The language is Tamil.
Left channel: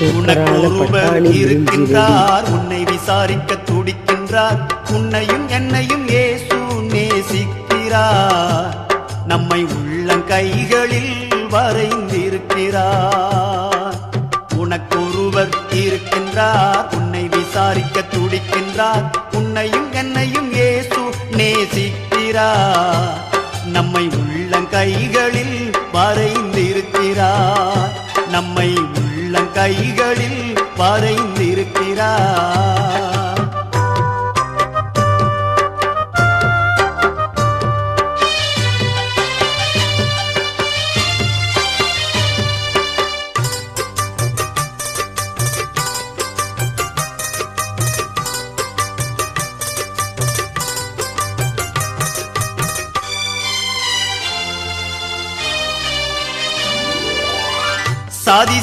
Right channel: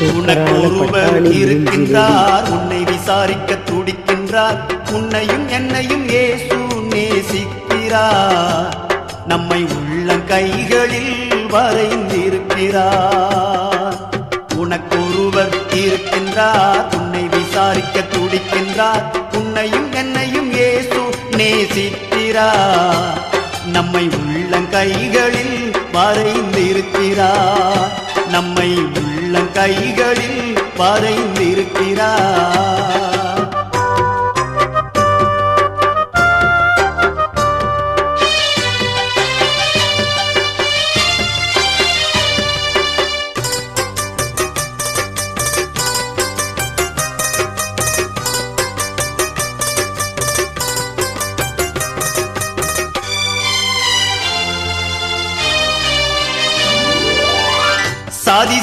உனக்கொருவர் இருக்கின்றார், உன்னை விசாரிக்க துடிக்கின்றார். உன்னையும் என்னையும் இயேசு நேசிக்கிறார். நம்மை உள்ளங்கைகளில் வரைந்திருக்கிறார். உனக்கொருவர் இருக்கின்றார், உன்னை விசாரிக்க துடிக்கின்றார். உன்னையும் என்னையும் இயேசு நேசிக்கிறார். நம்மை உள்ளங்கைகளில் வரைந்திருக்கிறார். நம்மை உள்ளங்கைகளில் வரைந்திருக்கிறார். சாதி